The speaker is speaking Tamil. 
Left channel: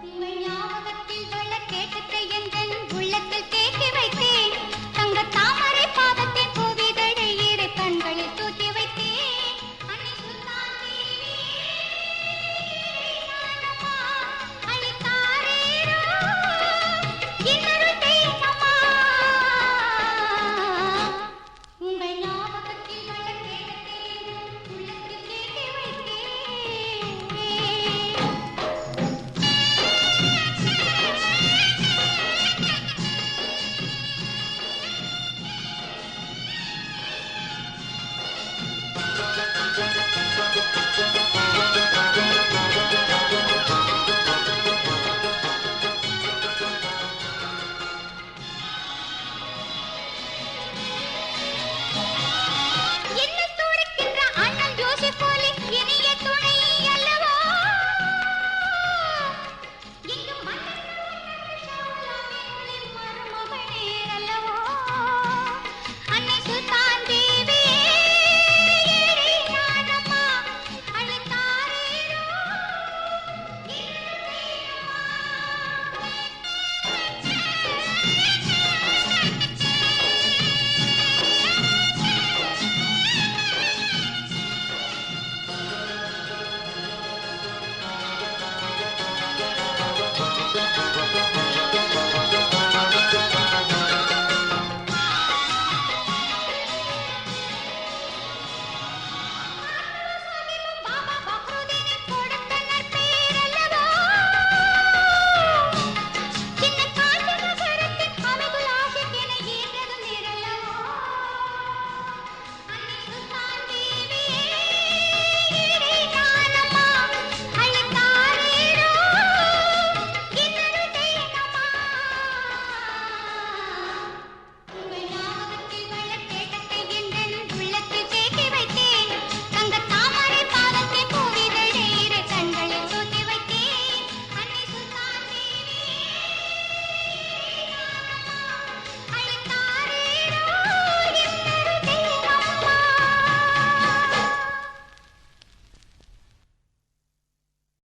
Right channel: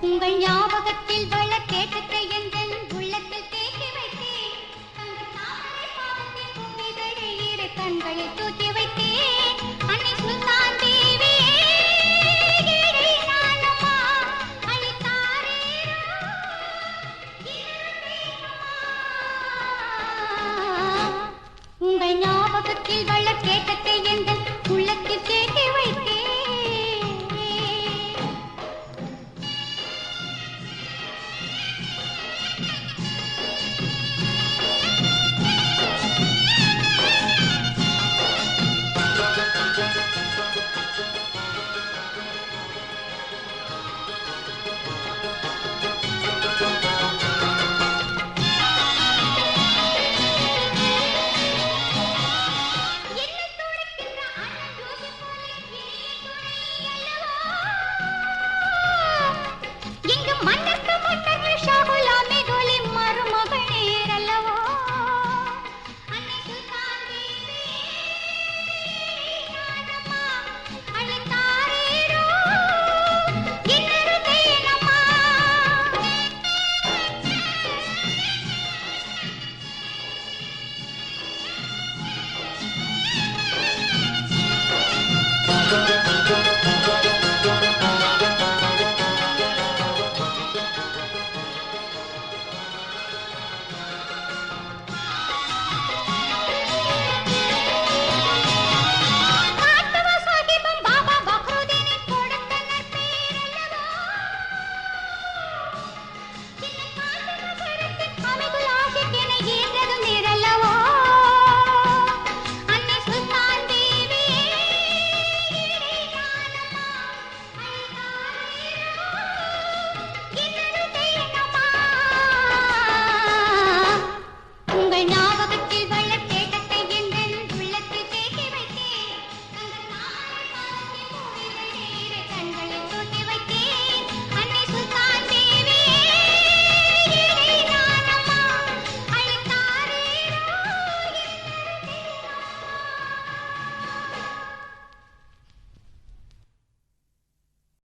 உங்கள் ஞாபகம் மன்ன